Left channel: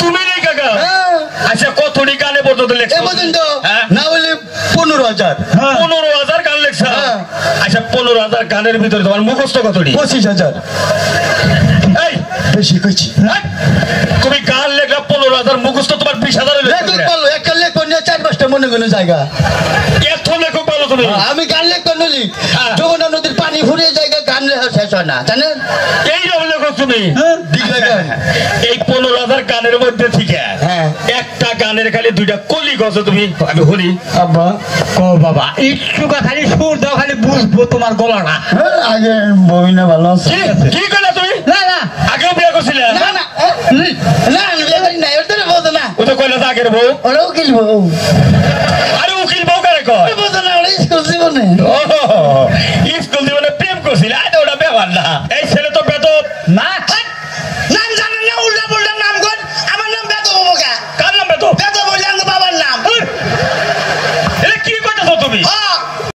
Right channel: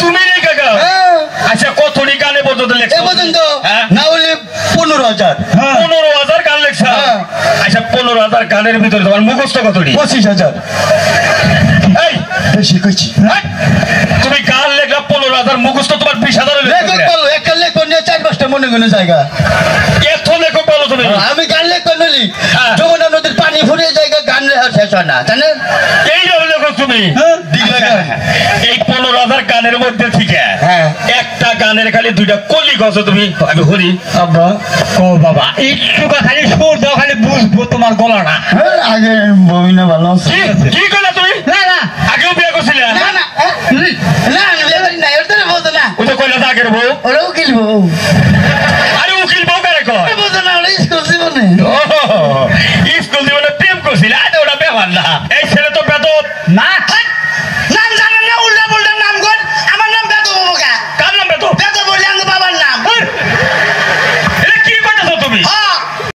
তুমি লেখা গাও আচ্ছা কতটি গানে পর্যন্ত লেখছো না হলে 15,000 গান লেখছো আচ্ছা 15,000 গানের ভিতরে তোমার মুখস্থ কতটি 25,000 এই বেশি কইছি তুমি গান লেখা 15,000 মুখস্থ তোমার 20,000 একটা লেখ নিয়ে 4-5টা মনে কোনো জায়গা এত লেখক বলো তুমি আমি গান লেখ নলি যমুনা নদীর পানি ফুরিয়ে জায়গা গান লেখা শেষ হয় না জানেন এই লেখক তুমি এই 15,000 গানের মধ্যে থেকে একটা গানের খালি 2টা কলি গছ তুমি আমি হরি আব্বা কও বাবা একটু খালি সুর দাও খালি বুঝবো তোমার গলাটা আগে বইনা ভালো আছে কি কইলা তুমি না না আগেও বিয়ে করছিলে না না না না ওটা বলতো না ওটা কইলা আগের বউ ওরা উকিল বউ আরে উকিল বউ কারে কয় বলতো না ওরা স্কুল জীবনে স্কুল জীবনে প্রেম করছিল আরে ওটা ব্যাপার না এই ছেলে তো বেদব না নাম জানেন না উল্টা বললাম নাম কোন আমার নাম বেদব বাবা কার নাম বেদব বেদব বললাম